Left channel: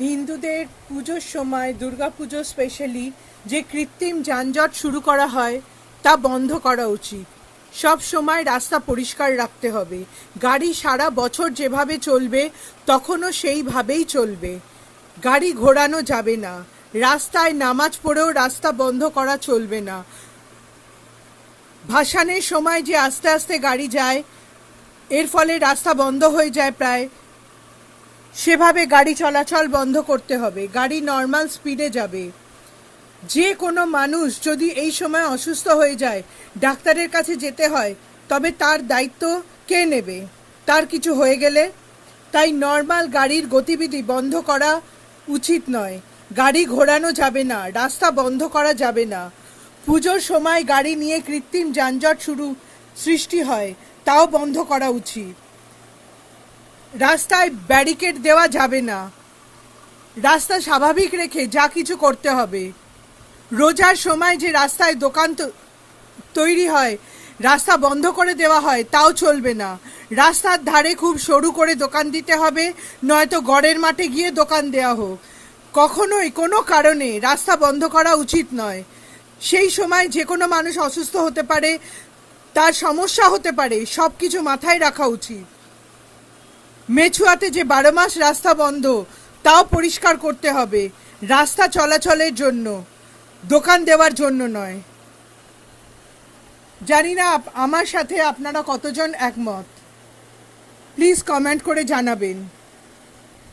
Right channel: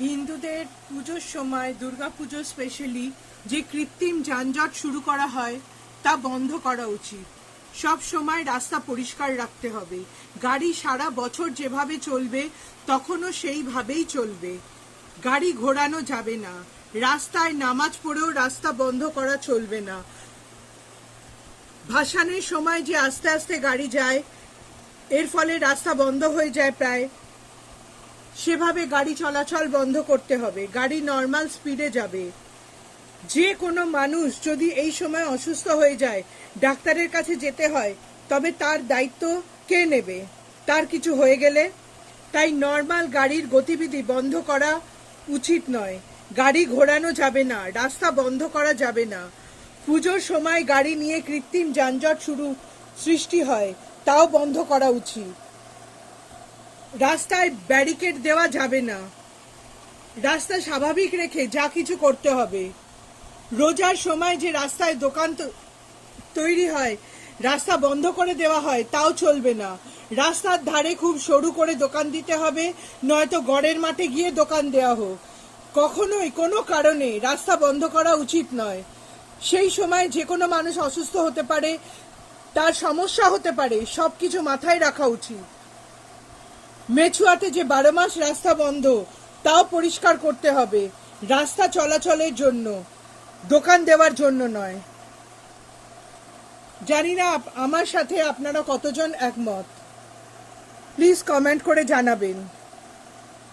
হিন্দুদের পুজোর সময় দুর্গাপুজো স্পেশালি যে কৃত্রিম যানজট শুরু করা হয় তা বন্ধ করা উচিত। সব সময় রাস্তা পরিষ্কার রাখতে হবে। গাড়ি সারা বছর যেভাবে চলবে তখনও সেইভাবেই চলবে। গাড়ি ঘোরানো যাবে না। রাস্তায় নামাজ পড়েও রাস্তা বন্ধ করা চলবে না। ভাসানের সময় যে আস্তে আস্তে গাড়ি যায়, এর ফলে রাস্তা বন্ধ হয়ে যায় প্রায়, সেভাবে গাড়ি চলাচল বন্ধ করতে হবে। গাড়ি নর্মাল স্পিডে যাবে। যে কোনো মানুষ যদি এই সময় অসুস্থ হয়ে যায়, ডাক্তারের কাছে যেতে হয়, তবে তার দায়িত্ব কে নেবে তার কিছু হয়ে গেলে? তাই নর্মাল গাড়ির গতিবিধি বন্ধ করা উচিত নয়। গাড়ি ঘোরানো যাবে না, রাস্তা বন্ধ করা যাবে না। পুজোর সময় গাড়ি নিয়ে কৃত্রিম যানজট সৃষ্টি হয়, তাও বন্ধ করা উচিত। রাস্তায় ব্যারিকেড দেওয়া যাবে না। রাস্তা স্বাভাবিক রেখে যা কিছু করতে হবে। রোজার সময় যে রাস্তায় দোকান তৈরি হয়, রাস্তা বন্ধ করে দেওয়া হয়, তাও চলবে না। রাস্তার ধারে খুব সরু করে দোকান দিতে হবে, নয়তো গড়ের মাঠে গিয়ে দোকান দেওয়া হোক। কখনোই কোনো কারণে রাস্তা বন্ধ করা উচিত নয়। সেই সময় যে কোনো মানুষ অসুস্থ হতে পারে, তার সমস্যা হতে পারে, সব কিছু মাথায় রাখা উচিত। মেছুয়াতে যে 12 মাস রাস্তা বন্ধ, তাও পরিষ্কার করতে হবে। রাস্তা চলাচলের জন্য, দোকান দেওয়ার জন্য নয়। জানি না আমার সাথে আপনারা কতজন একমত। প্লিজ কমেন্ট করে জানাবেন।